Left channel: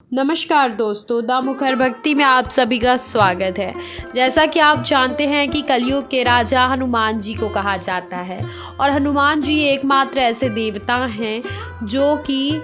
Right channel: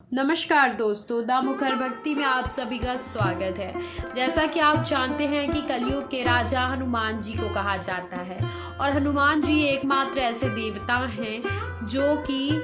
नमस्कार दोस्तों, द मुखर भक्ति में आप सभी का स्वागत है। जैसा कि आप जानते हैं कि कलयुग के राजा हनुमान जी को कहा जाता है और हनुमान जी एकमात्र ऐसे देवता हैं जो कि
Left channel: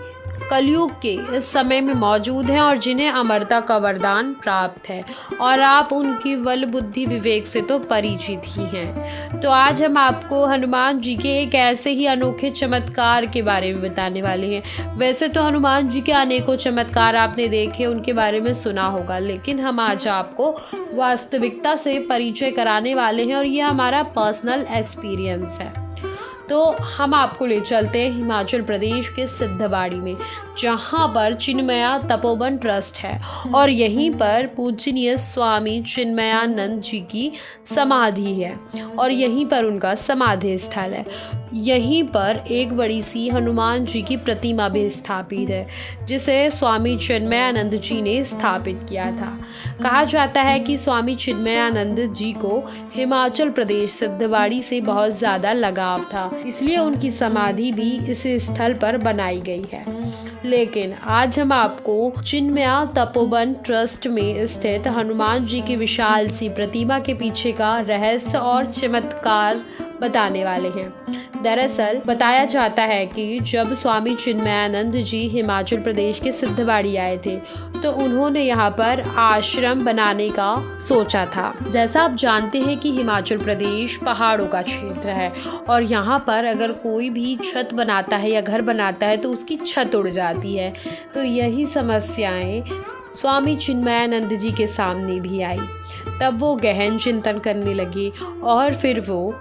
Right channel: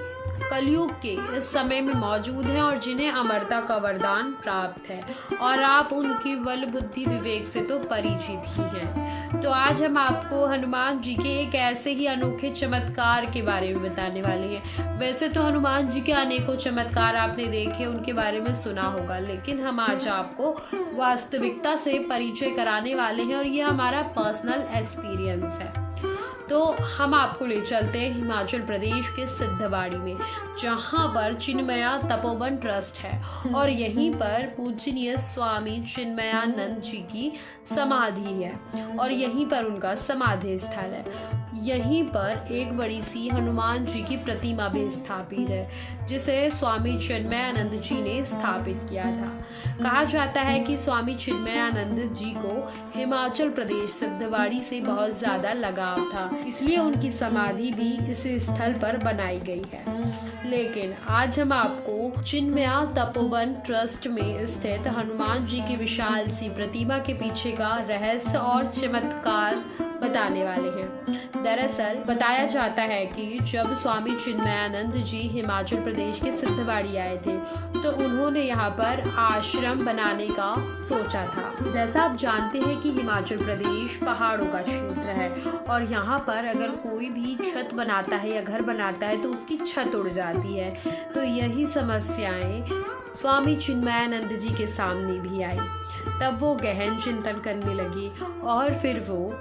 कलयुग के इस समय में मौजूद हैं और जिन्हें अमरता का वरदान प्राप्त है और आप उनकी बल बुद्धि विवेक से तो परिचित ही हैं। तो आज हम आपको हनुमान जी के एक ऐसे ही अनोखे चमत्कार के बारे में बताने वाले हैं। वैसे तो हनुमान जी के अनेकों चमत्कार आपने देखे, उनके बारे में सुना होगा, लेकिन हम आज आपको वास्तविकता से परिचय कराने वाले हैं और ये हमारा पर्सनल एक्सपीरियंस है। तो हम आपको ले चलते हैं हिमाचल प्रदेश के सिद्धवाड़ी में, जहाँ पर चिन्मया तपोवन ट्रस्ट है और यहीं पर पूजनीय स्वामी चिन्मयानंद जी की समाधि है और यहीं पर उनका समाधि स्थल है। यहीं पर एक बड़ी सी हनुमान जी की प्रतिमा भी स्थापित है, जिसे स्वामी चिन्मयानंद जी ने स्थापित किया था। कहा जाता है कि स्वामी चिन्मयानंद जी को हिमाचल प्रदेश सिद्धवाड़ी से बहुत ज़्यादा लगाव था, इसलिए उनकी समाधि भी इस स्थल पर बनाई गई है। लेकिन आज हम आपको चिन्मया तपोवन ट्रस्ट में स्थित हनुमान जी की विशाल सी प्रतिमा के पीछे का रहस्य और चमत्कार बताने वाले हैं। दरअसल बताया जाता है कि जब स्वामी चिन्मयानंद जी हिमाचल प्रदेश के सिद्धवाड़ी आए थे तो उन्होंने यहाँ पर आश्रम बनाने का सोचा था। जैसा आप जानते हैं कि हिमाचल प्रदेश पहाड़ों का क्षेत्र है और यहाँ पर अगर कोई भी छत बनाता है या घर बनाता है तो उसकी छत उड़ जाती है। तो यही समस्याएं स्वामी चिन्मयानंद जी के सामने भी आई। तब वो गहन चिंतन करने लगे और फिर वो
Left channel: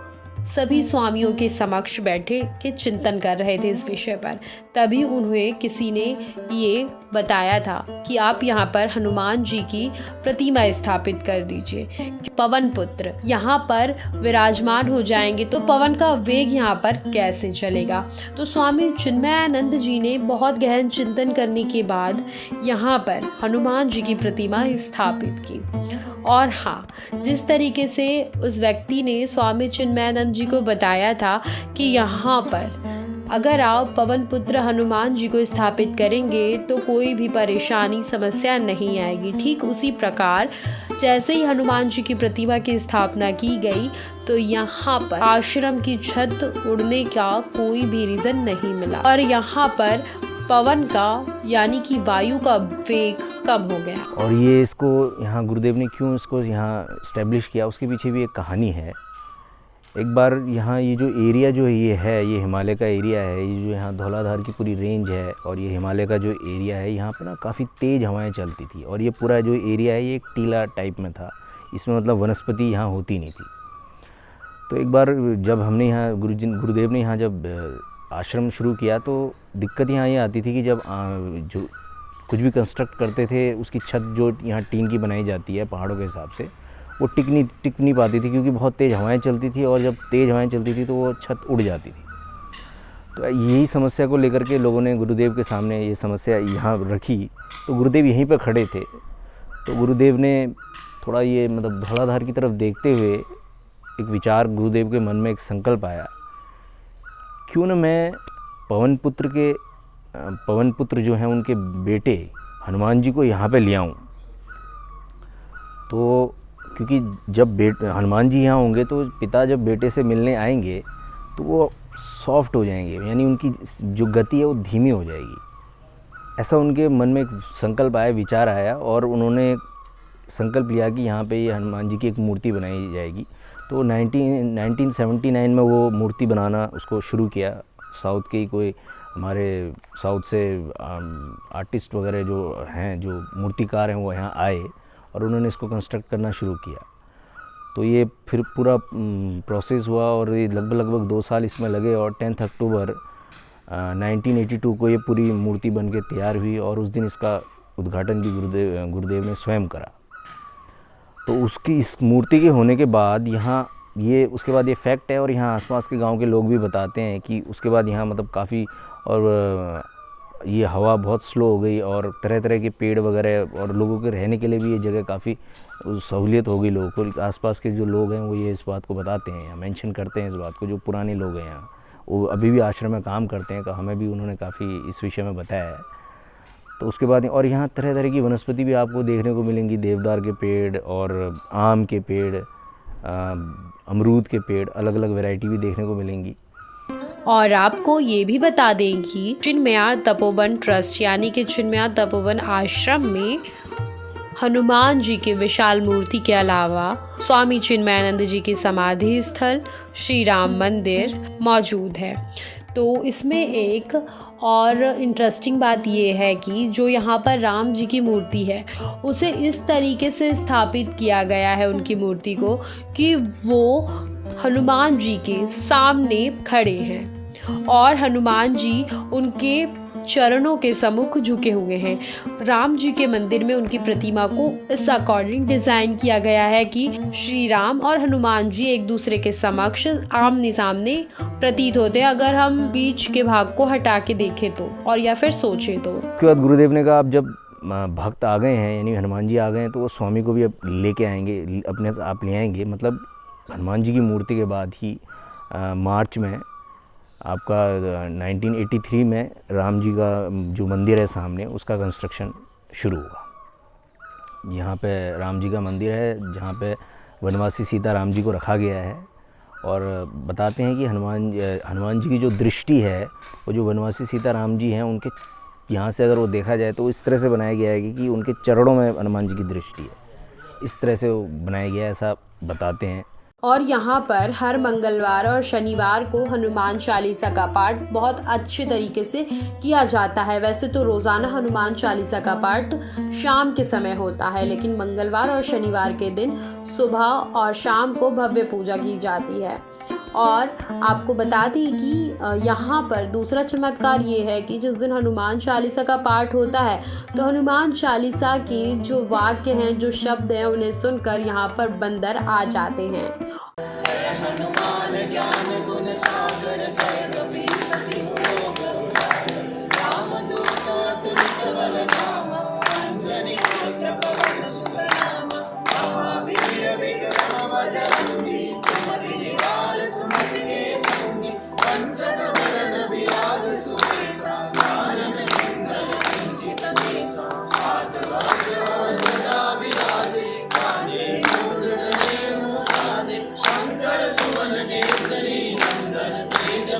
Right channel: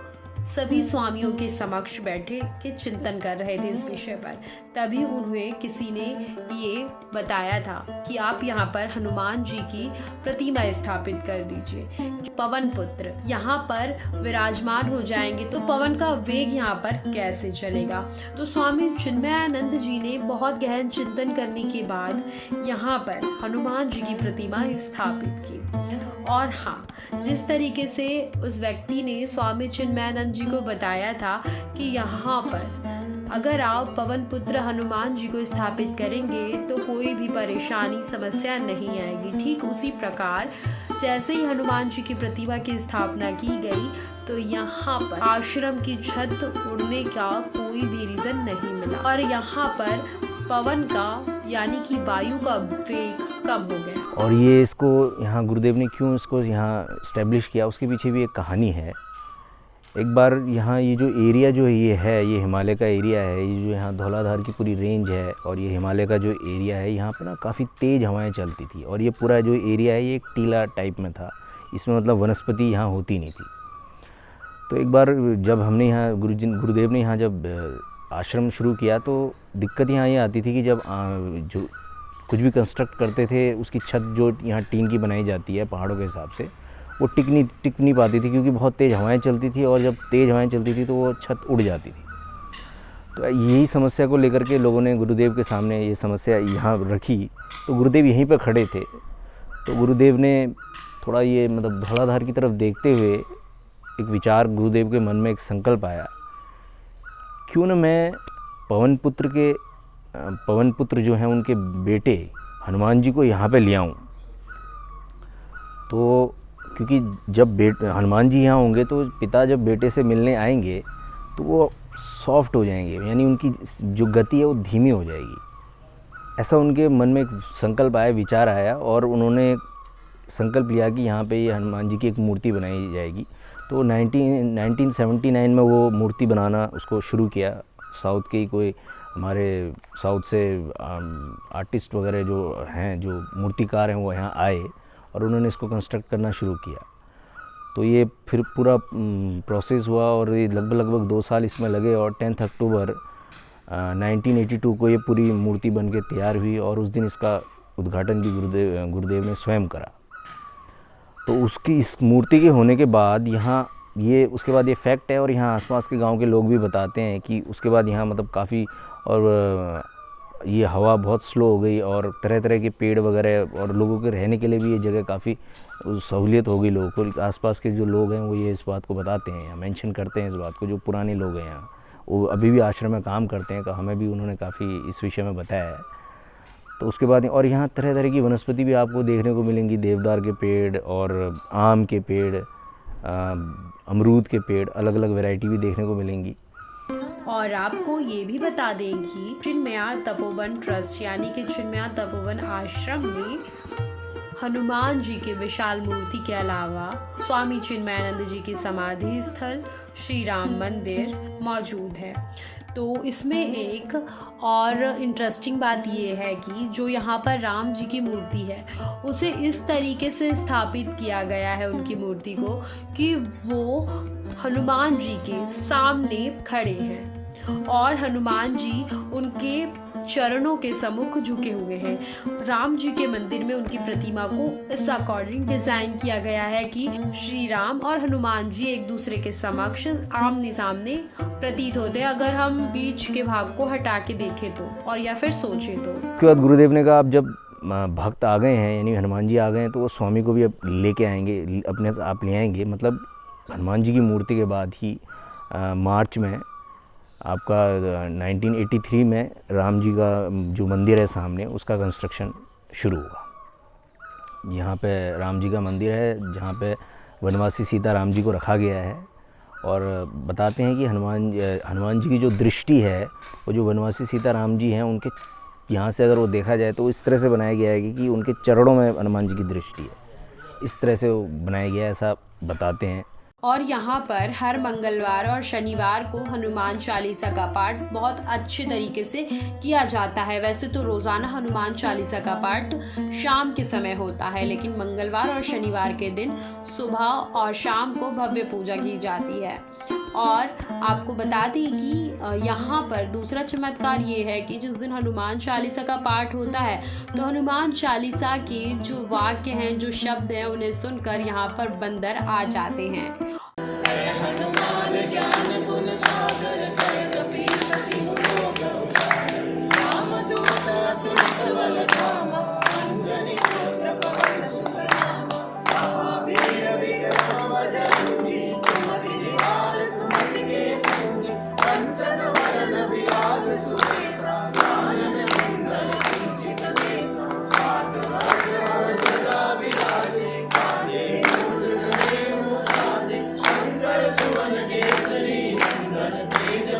सभी स्वामियों के समक्ष बैठे के चिंतन कर रहे थे इस विषय पर। तभी उन्हें किसी ने ये बताया था कि आप यहाँ पर हनुमान जी की प्रतिमा स्थापित कर दीजिए, पवन पुत्र यहाँ पर विराजमान हो जाएंगे तो पवन का वेग यहाँ पर कैसे चलेगा। तो स्वामी चिन्मयानंद जी ने बहुत गहन चिंतन करने के बाद यहाँ पर हनुमान जी की प्रतिमा स्थापित की। और हाँ, जिस तरीके से उस व्यक्ति ने स्वामी चिन्मयानंद जी को बताया था कि यहाँ पर अगर आप पवन पुत्र हनुमान जी को स्थापित करेंगे तो कोई भी परेशानी समस्या नहीं आएगी, ठीक उसी प्रकार जैसे ही हनुमान जी की प्रतिमा की स्थापना की गई तो यहाँ पर आश्रम की छत उड़ने का कोई भी रीज़न नहीं मिला और यहाँ पर पवन का यानी कि वायु का वेग कम हो गया। और ये इसको यहाँ गुरुदेव ने क्यों इसको यहाँ इस्टेब्लिश किया, उसके पीछे भी एक कहानी है। एक बार यहाँ ये जो एरिया जो ये हिमालय का एरिया है, ये जो यहाँ धौलाधार की पूरी रेंज है और ये हिमालय का जो एरिया है, यहाँ पर ना काफ़ी तेज़ हवाएं चलती थी और ये पूरा जो एरिया है ये एक टीला टाइप में था। इसमें मतलब वनस्पति यहाँ होती नहीं थी। तो एक बार जब हमने यहाँ गुरुदेव ने यहाँ जब आश्रम शुरू किया तो दिक्कत यहाँ ये आती थी कि जब जो कुछ भी कंस्ट्रक्ट करते थे उसकी छत जो यहाँ टीन की बनाई जाती है पहाड़ों के हिसाब से, वो टिक नहीं पाती थी क्योंकि बहुत तेज़ हवाएं चलती थी और जब तेज़ हवाएं चलती थी तो वो छत उड़ जाती थी। तो यही समस्या को लेकर के लोगों ने गुरुदेव के सामने ये समस्या यहाँ रखी। तो गुरुदेव यहीं पर खड़े थे। तो गुरुदेव ने थोड़ा ये मतलब धौलाधार की तरफ देखते हुए एक विचार, गुरुदेव के मन में एक संकल्प आया, क्यों न मैं पवन पुत्र जो हैं उनके बेटे हनुमान जी को यहाँ पे ले आऊँ। तो क्योंकि जब हनुमान जी यहाँ होंगे तो पिता जब बेटे से मिलने आएंगे तो वो सॉफ्ट हो जाएंगे, यानी उनकी जो गति है वो धीमी हो जाएगी। ऐसा उनके मन में एक संकल्प आया, विचार आया और उन्होंने संकल्प लिया कि यहाँ पे ये हनुमान जी की एक मूर्ति बनाई जाएगी। तो 1979 में वो मूर्ति बनाना उसको शुरू किया। साउथ के कोई हमारे साउथ से आर्टिस्ट वगैरह जो हैं, जो मूर्तिकार हैं, वो यहाँ आए और उन्होंने इसको कंस्ट्रक्ट करना शुरू किया। तो ये फिर पूरा प्रोसेस हुआ और ये लगभग 2 साल इसमें लगे और 10 अक्टूबर 1982 को ये पूरी मूर्ति बन के तैयार हुई और उस दिन इसका उद्घाटन भी गुरुदेव ने स्वयं करा। तो उसकी इस मूर्ति के होने के बाद यहाँ ये उसके बाद ये फैक्ट है और यहाँ आसपास के गांव के लोग भी बताते हैं कि उसके बाद यहाँ मतलब काफ़ी और ये हवा बहुत स्लो हो गई और तरह तरह के पेड़ वगैरह और लोगों के रहने के लिए भी ये जगह काफ़ी सहूलियत हो गई लोगों को। आसपास के जो लोग हैं वो ये इस बात को बताते हैं या मेंशन करते हैं इस बात को, जो पुराने लोग हैं यहाँ, वो अभी भी आश्रम में काम करते हैं। हमें भी उन्होंने काफ़ी इस विषय में बताया है। तो उसके बाद और यहाँ तरह तरह की वनस्पति भी आपको देखने को मिलेंगी, देवदार के पेड़ और आम के पेड़, अमरूद के पेड़, अलग अलग वैरायटी भी देखने को मिलेंगी। और आपको ये भी बता दें कि चिन्मया तपोवन ट्रस्ट यानी कि चिन्मया तपोवन आश्रम में हनुमान जी की विशाल मूर्ति के अलावा स्वामी चिन्मयानंद जी की समाधि स्थल, श्री राम मंदिर मौजूद है। तो इसमें एक और इंटरेस्टिंग बात ये है कि जो यहाँ पर राम जी की मूर्ति है उसे इस तरीके से स्थापित किया गया है उनकी मूर्ति को कि वो हनुमान जी के सामने खड़े हैं और हनुमान जी उनके चरणों के सम्मुख झुके हुए हैं। राम जी के मंदिर में उनकी प्रतिमा को इस अकॉर्डिंग डिज़ाइन किया गया है कि श्री राम और हनुमान जी एक दूसरे के समक्ष आमने सामने प्रतीत होते हैं, अगर हम बीच के भाग को हटा के देखें तो और या फिर सोचें तो। उसके बाद गुरुदेव ने कहा अब जब भक्त आ गए हैं यानी हनुमान जी आ गए हैं तो वो स्वामी को भी अब लेके आएंगे, अपने आप ले आएंगे। मतलब हनुमान जी की मूर्ति के बाद ही मार्च में आपका 1983 में राम जी का जो मंदिर है सामने उसका कंस्ट्रक्शन शुरू हुआ। यहाँ पे राम जी का मंदिर है जहाँ पे वनवासी सीता राम जी को रखा गया है। और बताते हैं कि हनुमान जी की जो दृष्टि है वो जो वनवासी सीता राम जी हैं उनके यहाँ से अगर वो देखा जाए तो इस तरह से बनाया गया है कि उनके चरणों में हनुमान जी की दृष्टि है, इस तरह से वो बनाया गया है, ऐसा बताते हैं। और यहाँ पर हर मंगलवार और शनिवार को हनुमान चालीसा का पाठ बहुत अच्छे तरीके से किया जाता है। वैसे तो रोज़ाना हनुमान चालीसा का पाठ शाम के समय होता है, लेकिन मंगलवार और शनिवार के दिन सुबह और शाम को भव्य पूजा की जाती है। और आपको बता दें कि यहाँ पर दूसरा चमत्कार ये है कि जिस दिन हनुमान चालीसा का पाठ होता है तो हनुमान चालीसा के जो वाक्य हैं, जो शब्द हैं, उन्हें सुनकर यहाँ पर बंदर आ जाते हैं। जय हनुमान ज्ञान गुण सागर, जय कपीस तिहु लोक उजागर, रामदूत अतुलित बल धामा, अंजनी पुत्र पवन सुत नामा, महावीर विक्रम बजरंगी, कुमति निवार सुमति के संगी, कंचन वरण विराज सुबेसा, कानन कुंडल कुंचित केसा, हाथ वज्र ध्वजा विराजे, कांधे मूल जनेऊ साजे, शंकर सुवन केसरी नंदन, तेज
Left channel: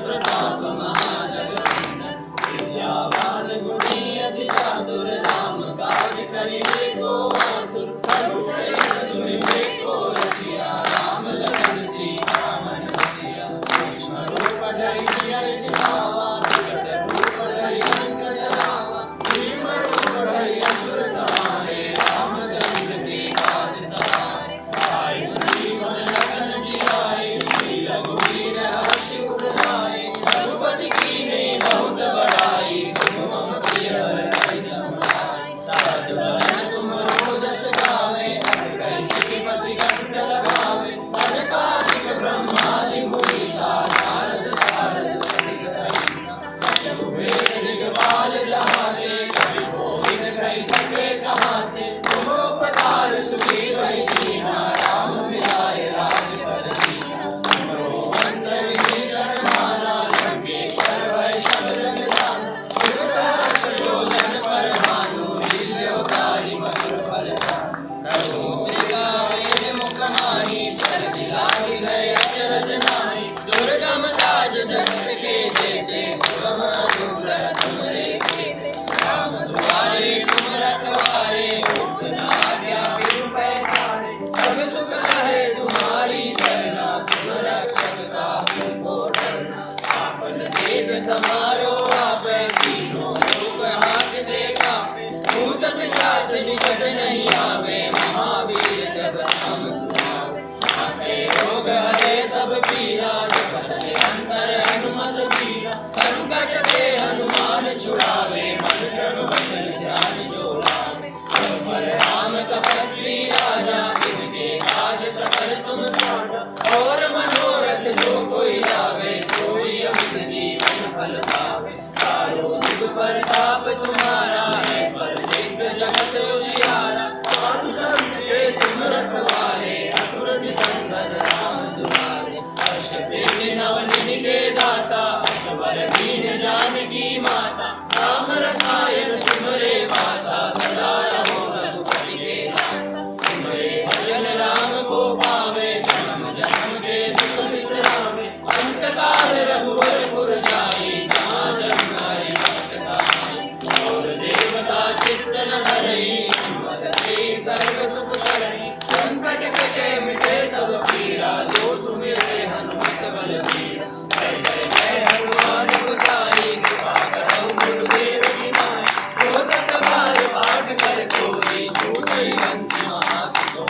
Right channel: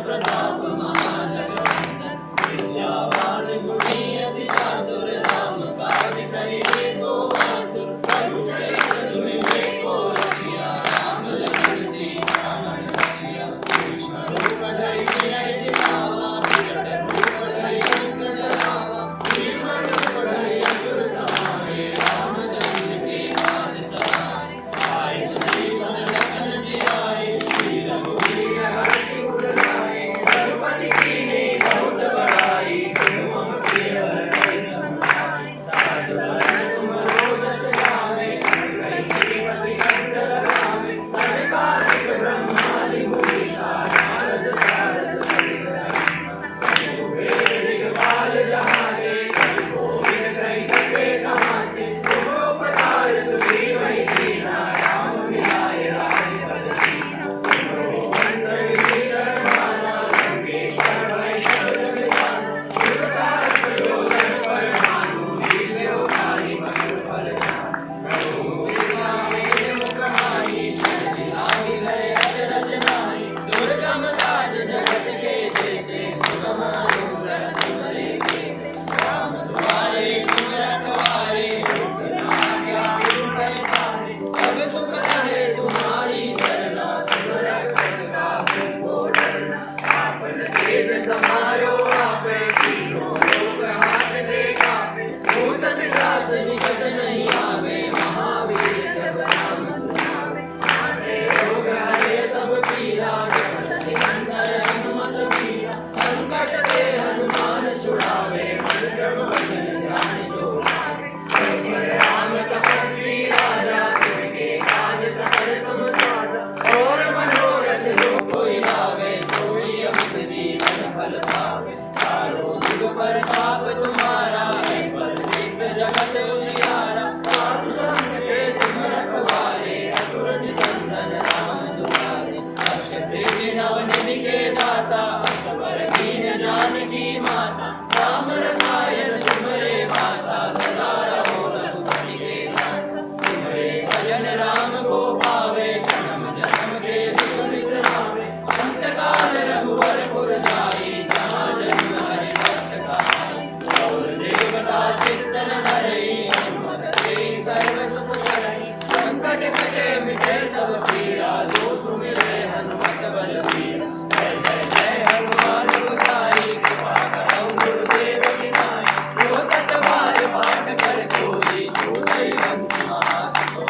पाठ कर कोई छूटई बंदी महासुतो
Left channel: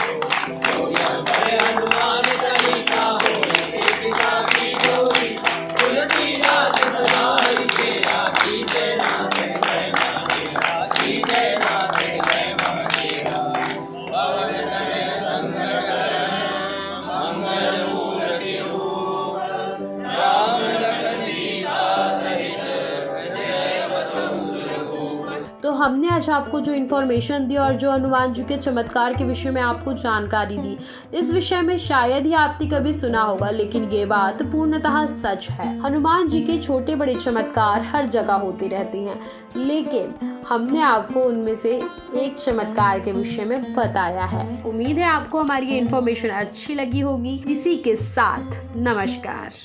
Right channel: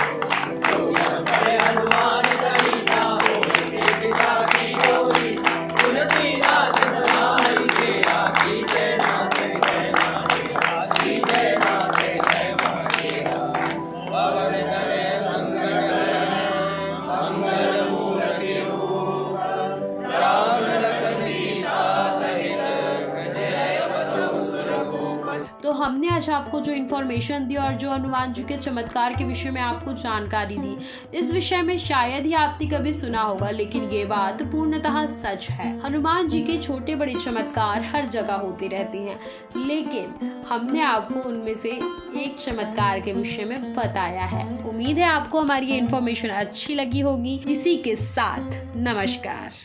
बड़े हनुमान चालीसा हो सीता की जोड़ी तुलसीदास सदा हरि तेरा की जय नाथ जय महादेवा की जय नाथ जय महादेवा पवन तनय संकट मंगल मूर्ति रूप राम लखन सीता सहित जय बसव सुरभूप। तो हमने आज आपको जो इन्फॉर्मेशन दी और जो हनुमान जी के चमत्कार के विषय में आपको जानकारी दी, इस विषय में शायद ही आपने कभी सुना होगा, लेकिन ये बात पूर्णतः सच है। हनुमान जी के छोटे बड़े चमत्कार हर जगह होते रहते हैं, लेकिन हमने आपको उनमें से एक चमत्कार के विषय में बताया है। उम्मीद है आपको हमारी ये इन्फॉर्मेशन अच्छी लगी होगी। इसी के साथ नमस्कार।